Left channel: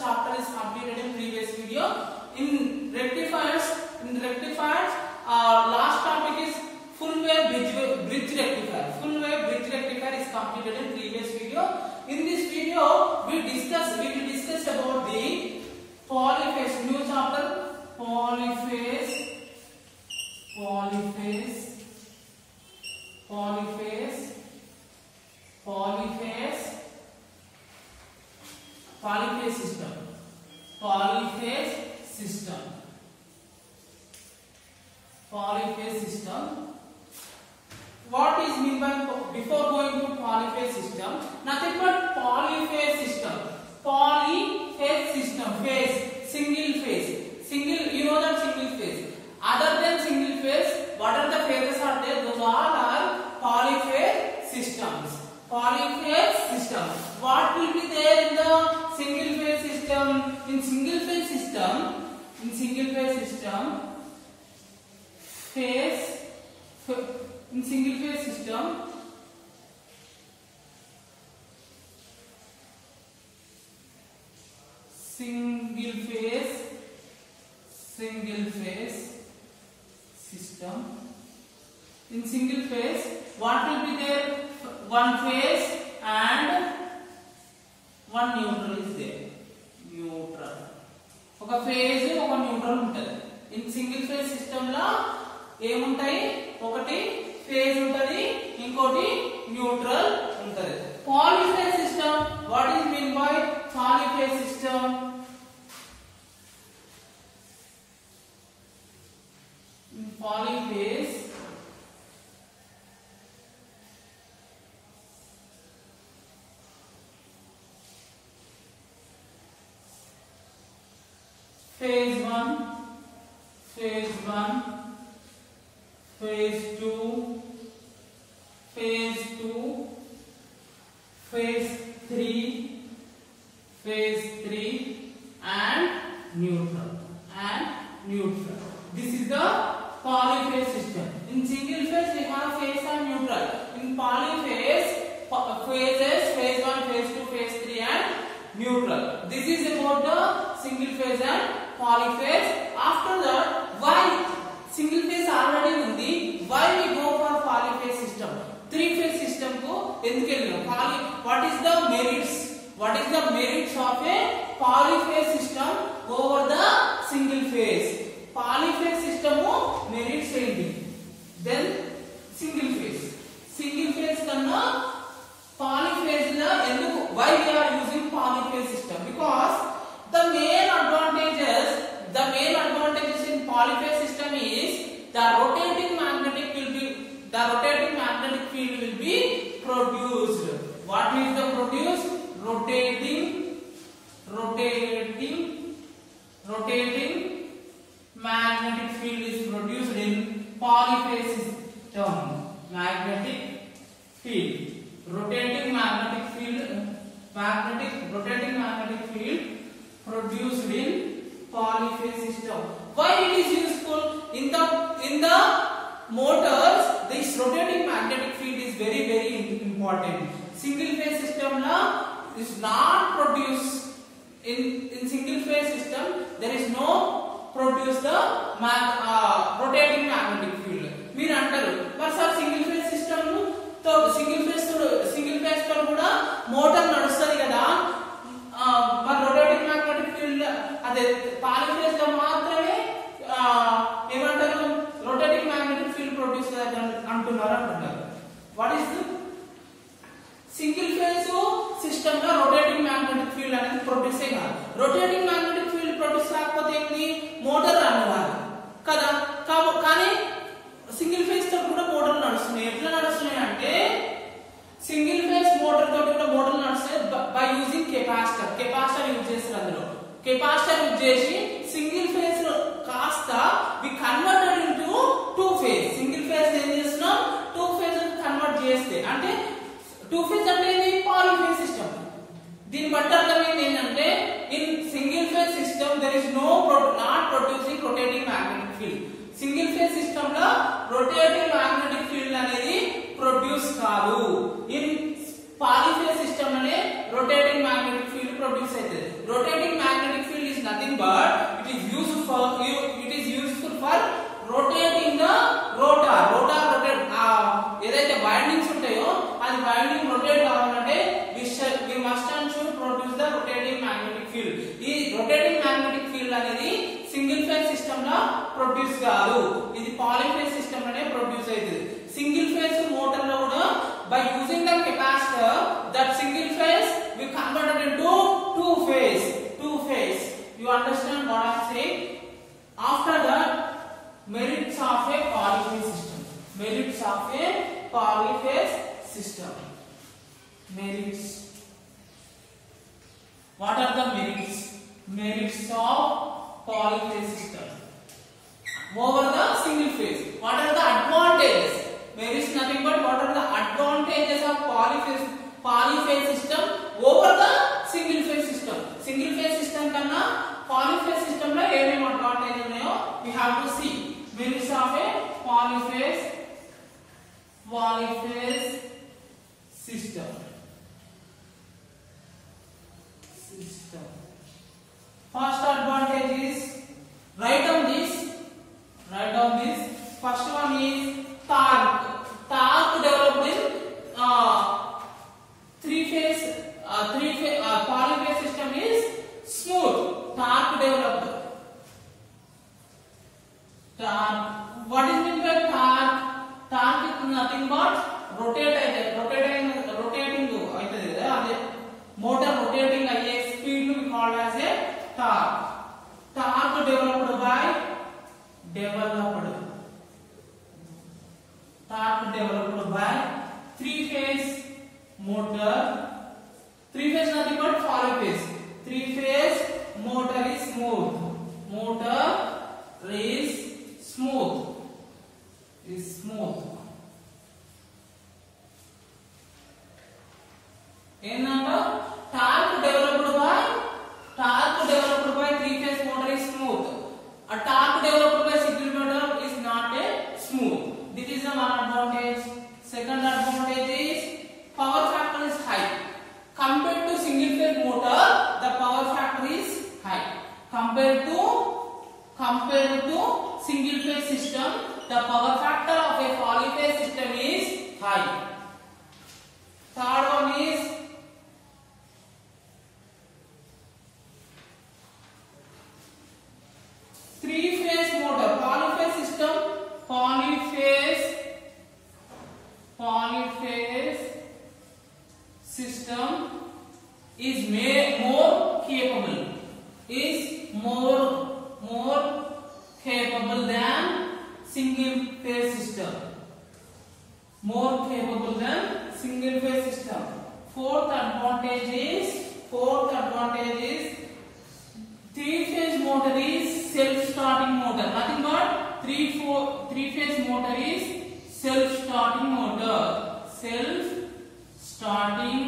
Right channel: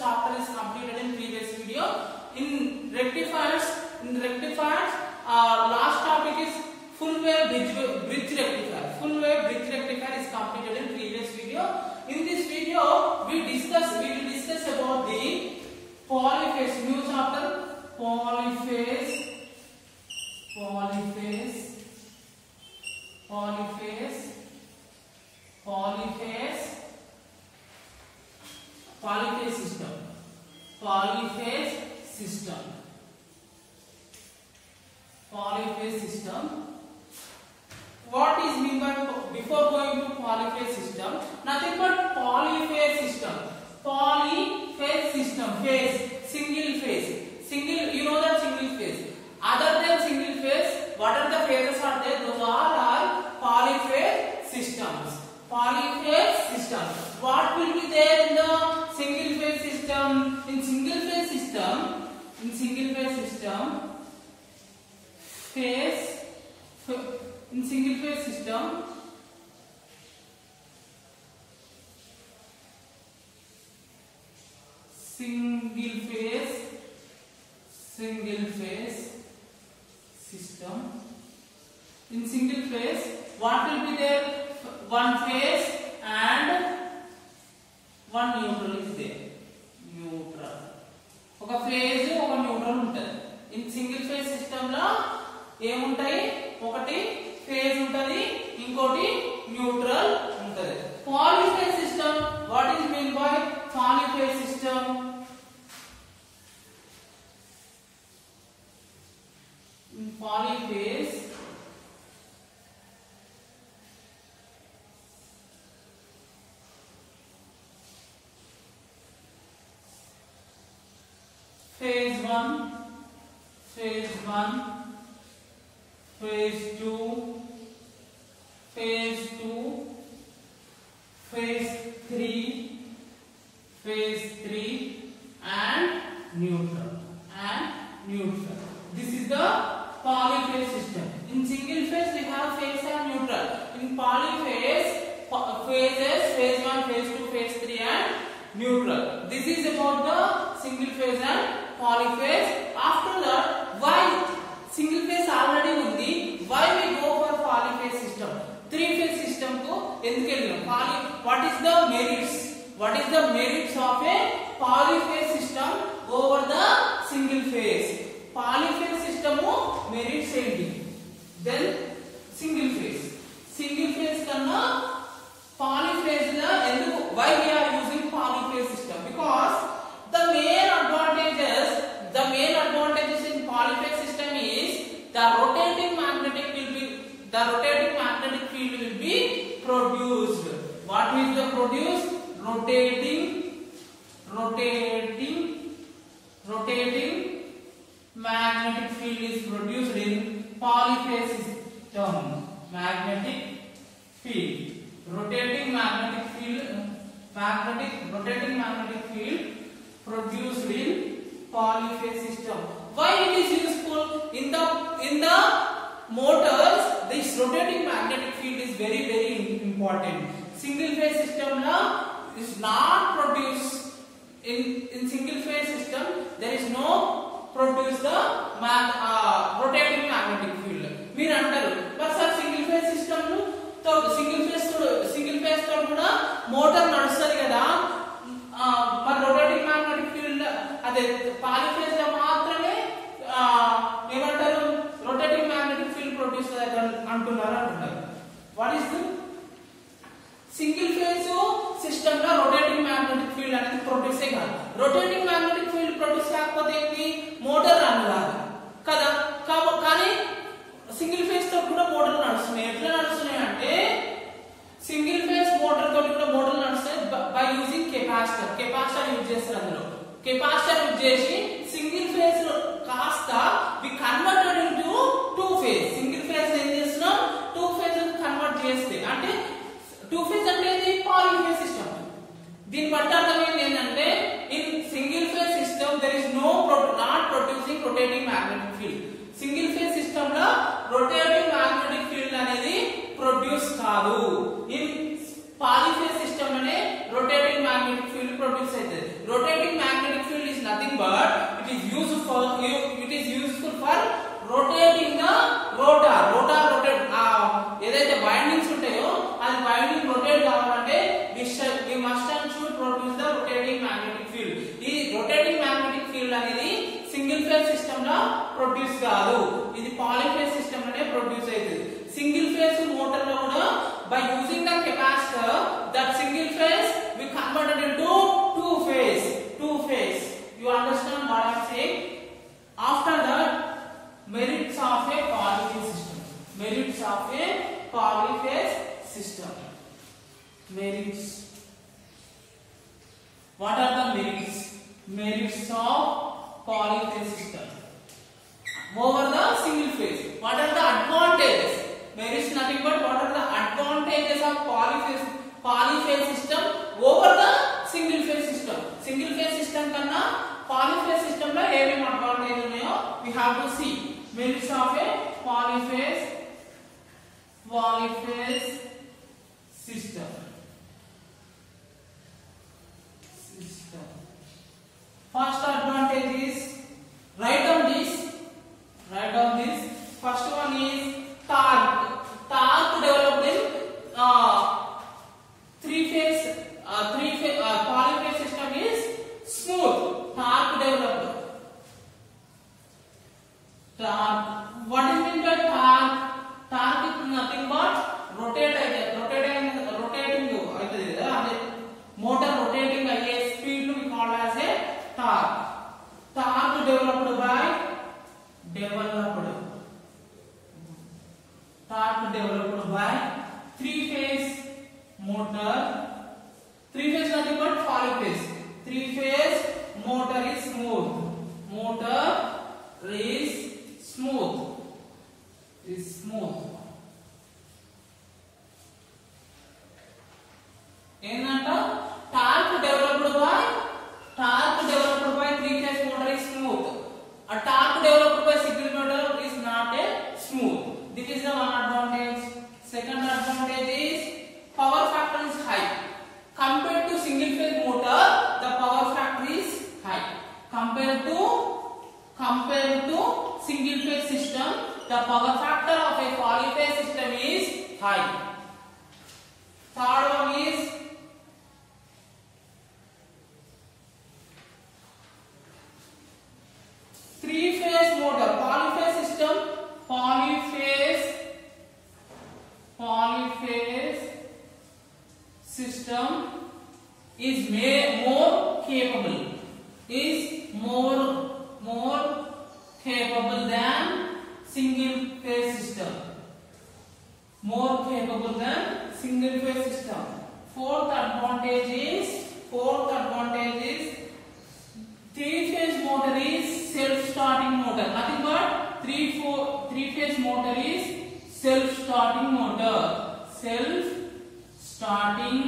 chapter is completed in previous video. In rectifiers, last topic is full wave bridge rectifier. Full wave bridge rectifier is completed in previous video. In this video, we will discuss about the polyphase. New chapter, polyphase system. What is mean by, before going to polyphase system, nothing but polyphase system. Polyphase system, phase, single phase, you know that single phase. Other than single phase, what are the phases are there? Those all are polyphase systems. Polyphase system. What will be there in the single phase system? In single phase system, in single phase, what will be there? One phase and one neutral is there. Neutral. ఒక phase ఒక neutral ఉంటది. In single phase system లో ఏముంటాయి? ఒకటి phase ఉంటది, ఇంకోటి neutral ఉంటది. Polyphase system, what is mean by polyphase system? Polyphase phase 1, phase 2, phase 3 and neutral. This is the polyphase system. In single phase we have phase and neutral. In polyphase, phases, phase 1, phase 2, phase 3 and neutral. This is about the single phase and polyphase. After that, why single phase already undi, why we go for polyphase system? Three phase system ko enduku ellam? What is the merits of a polyphase system over the single phase? Polyphase system merits enti? Then single phase kanna polyphase la enduku, why we are using polyphase system? Because the main advantages in polyphase system is the rotating magnetic field will be produced. What is the produce? Rotating magnetic field is produced in polyphase system. Rotating magnetic field produced in polyphase system. Why it is useful? In the motors, this rotating magnetic field is very important. Single phase system is not produced. In single phase system there is no produce the rotating magnetic field. మీరు అంటారు మరి sir single phase system తో single phase తో కూడా motor నడుస్తుంది కదా, మరి rotating magnetic field అదే పాలిఫేజ్ లో మాత్రమే ఏమంటారు రొటేటింగ్ మ్యాగ్నెటిక్ ఫీల్డ్ ప్రొడ్యూస్ అంటున్నారు. What is the single phase system లో రొటేటింగ్ మ్యాగ్నెటిక్ ఫీల్డ్ అనేది ప్రొడ్యూస్ కాదు. రొటేటింగ్ మ్యాగ్నెటిక్ ఫీల్డ్ ప్రొడ్యూస్ కాకపోతే ఏంటి? మోటార్ రన్ అవ్వాలి కదా. కానీ సింగిల్ ఫేజ్ తో కూడా మోటార్ నడుస్తున్నాయి. ఎట్లా నడుస్తున్నాయి అంటే సింగిల్ ఫేజ్ మోటార్ తోటి కూడా మోటార్ నడుస్తాయి బై యూజింగ్ కెపాసిటర్ యూజ్ చేస్తారు. అందులో కెపాసిటర్ యూజ్ చేసి సింగిల్ ఫేజ్ కాస్త we converted into two phase. Single phase ఏం చేస్తున్నాం? టూ ఫేజ్ కన్వర్ట్ చేస్తే అంటే టూ ఫేజ్ అంటే ఇది పాలిఫేజ్ సిస్టమ్. దీని బట్టి అర్థం ఏంటంటే in single phase system there is not producing rotating magnetic field. Single phase system లో రొటేటింగ్ మ్యాగ్నెటిక్ ఫీల్డ్ అనేది ప్రొడ్యూస్ కాదు. In polyphase system ane rotating magnetic field produce aitadi. Rotating magnetic field is nothing but it is useful for rotating the rotor. Rotate edaithe windings untayo adi winding rotate kavalante we must and should produce the rotating magnetic field. Ee rotating magnetic field anedi single phase system la produce kaadu, idi polyphase system ane produce aitadi. Single phase motor lo kuda by using the capacitor, that single phase we converted into two phase. You understand what I am saying? After that, merits of a polyphase system. Merits of a polyphase system. Merits. What are the merits? Merits of polyphase system over the single phase. What are the advantages? Merits nothing but what are the advantages of polyphase system over the single phase system. Single phase system kanna polyphase system lo em advantages unnayo we have to see. Merits of a polyphase system. First advantage is write down this. First one is torque developed in three phase polyphase system is smooth. Torque developed. What is meant by torque? Torque is nothing but rotating motor rotating ayye speed we call as a torque. Torque developed by three phase motor. Three phase nothing but polyphase. Three phase motor is smooth. ఏంటంటే torque developed by three phase motor is smooth. A torque developed by single motor is not a smooth. This is the one advantage. Second advantage is power factor is high. Compared to single phase motor, the power factor is high. Compared to single phase system, the power factor of a polyphase system is high. Third one is three phase motor. Polyphase system is more capable than single phase system. Fourth advantage is three phase motor is self-starting motor. Nothing but three phase motor is self-starting motor. Self-starting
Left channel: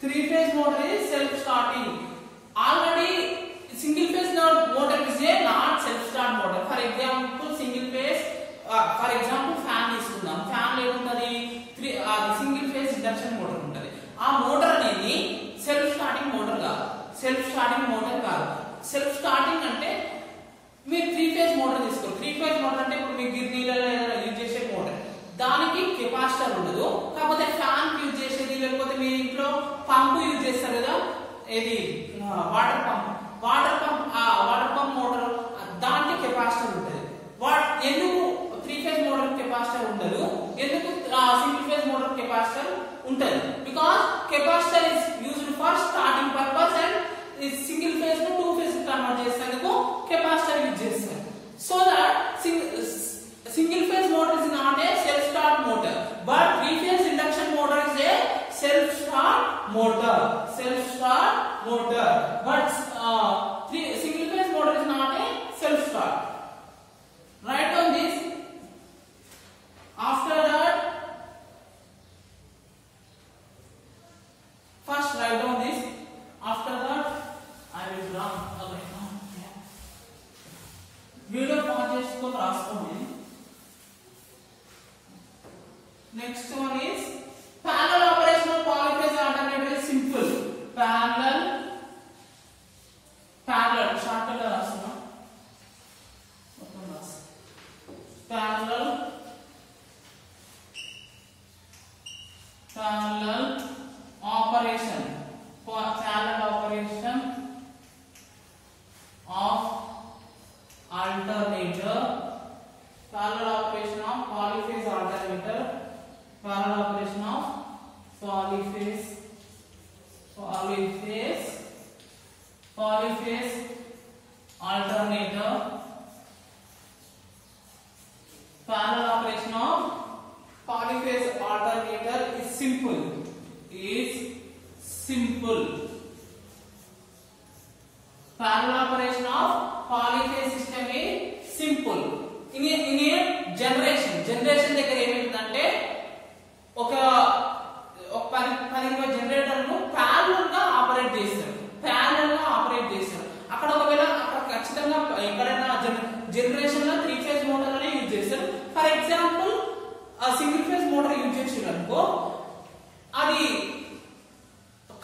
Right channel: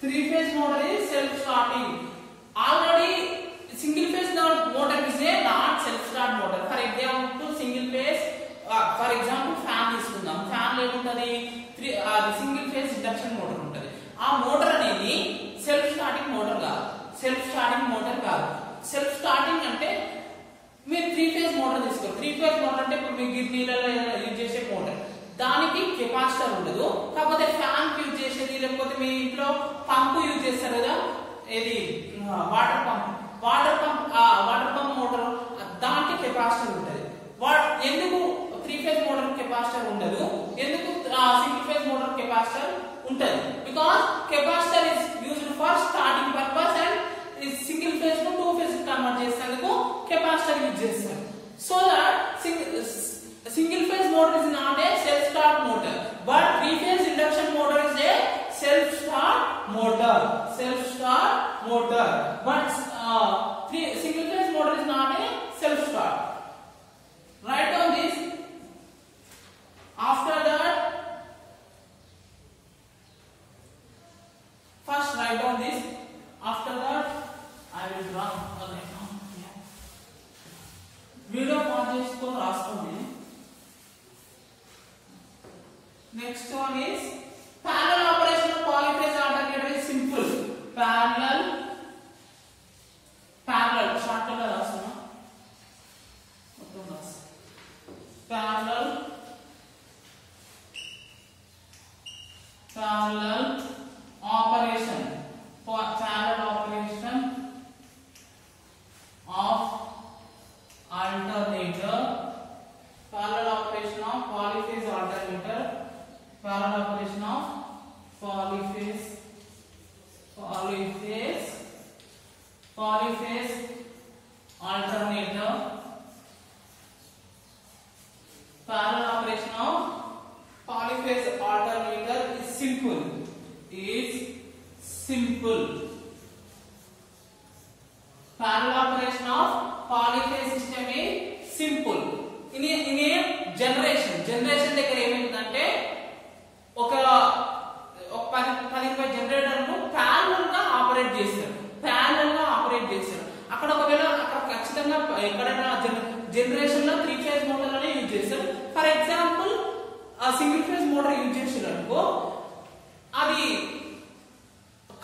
three phase motor is self-starting. Already single phase motor is a not self-start motor. For example, single phase for example fan తీసుకుందాం. Fan లో ఏముంటది single phase induction motor ఉంటది. ఆ motor అనేది self starting motor కాదు. Self starting అంటే మీరు three phase motor తీసుకోండి. త్రీ ఫేజ్ మోటార్ అంటే ఇప్పుడు మీ గిర్నీలలో యూజ్ చేసే మోటార్, దానికి కెపాసిటర్ ఉండదు. కాకపోతే ఫ్యాన్ యూజ్ చేసేది, లేకపోతే మీ ఇంట్లో పంపు యూజ్ చేస్తారు కదా, ఏది వాటర్ పంప్ మోటార్, దానికి కెపాసిటర్ ఉంటుంది. ఎందుకు త్రీ ఫేజ్ మోటార్ కెపాసిటర్ ఉండదు, ఎందుకు సింగిల్ ఫేజ్ మోటార్ కెపాసిటర్ ఉంటుంది? Because capacitor is used for starting purpose and single phase ను టూ ఫేజ్ కన్వర్ట్ చేసేందుకు కెపాసిటర్ యూజ్ చేస్తారు. So that single phase motor is not a self start motor, but three phase induction motor is a self start motor. But single phase motor is not a self start. Write down this. write down this. After that, I will draw again. Video pause को रास्कोंगे. Next one is parallel operation of polyphase alternator is simple. Parallel shortcut रास्ता. Parallel operation of alternator, parallel operation of polyphase alternator, parallel operation of polyphase alternator, parallel operation of polyphase alternator is simple. Parallel operation of polyphase system is simple. In a generation దగ్గర ఏమైందంటే ఒక 10 generator ను parallel గా operate చేస్తారు. అక్కడ ఒకవేళ అక్కడ ఖచ్చితంగా ఎక్కడైనా జనరేషన్ లో 3 ఫేజ్ మోటార్ అనే యూజ్ చేస్తారు. For example single phase motor use చేసారు అనుకో, అది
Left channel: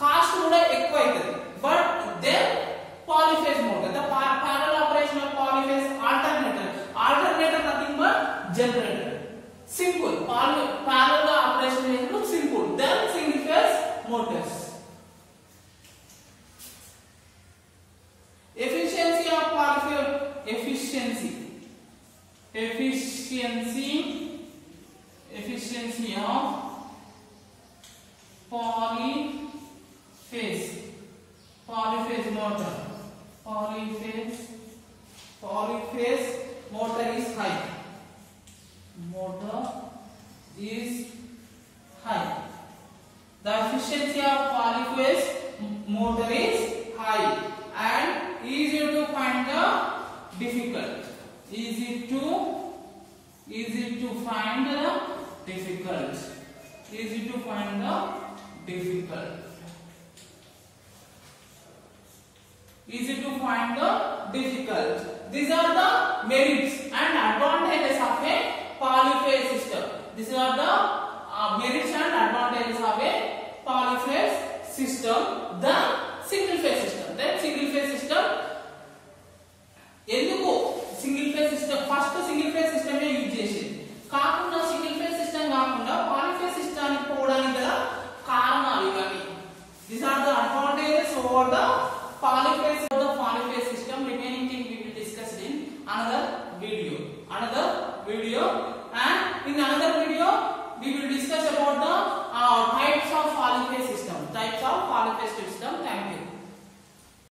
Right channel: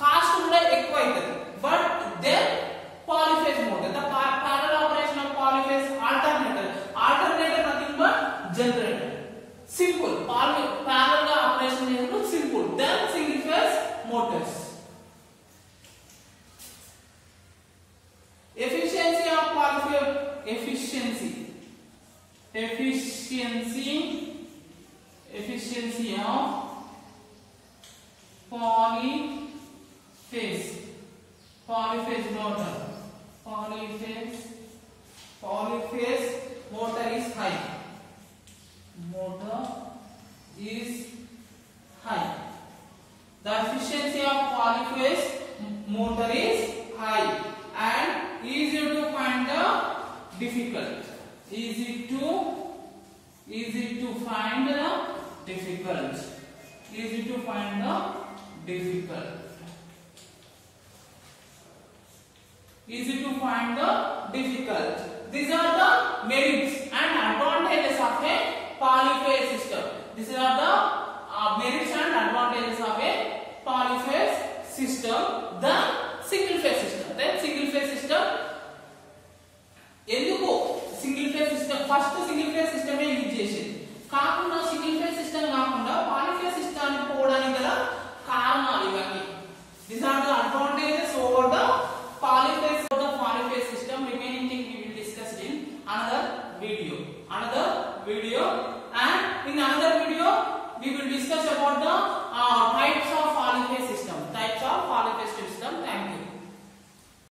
కాస్ట్ కూడా ఎక్కువ అవుతుంది. But then polyphase motor, the parallel operation of polyphase alternator nothing but generator. Simple. Parallel operation is simple. Then single phase motors. Efficiency of polyphase efficiency of polyphase motor. Polyphase motor is high. The efficiency of polyphase motor is high and easy to find the difficult. Easy to find the difficult. These are the merits and advantages of a polyphase system. These are the merits and advantages of a polyphase system. The single phase system. ఎందుకు single phase system first single phase system use చేసేది కాకుండా single phase system కాకుండా పాలీఫేజ్ system పోవడానికి గల కారణాలు ఇవన్నీ. These are the advantages over the polyphase system. Remaining thing we will discuss in another video. And in another video we will discuss about the types of polyphase system. Thank you.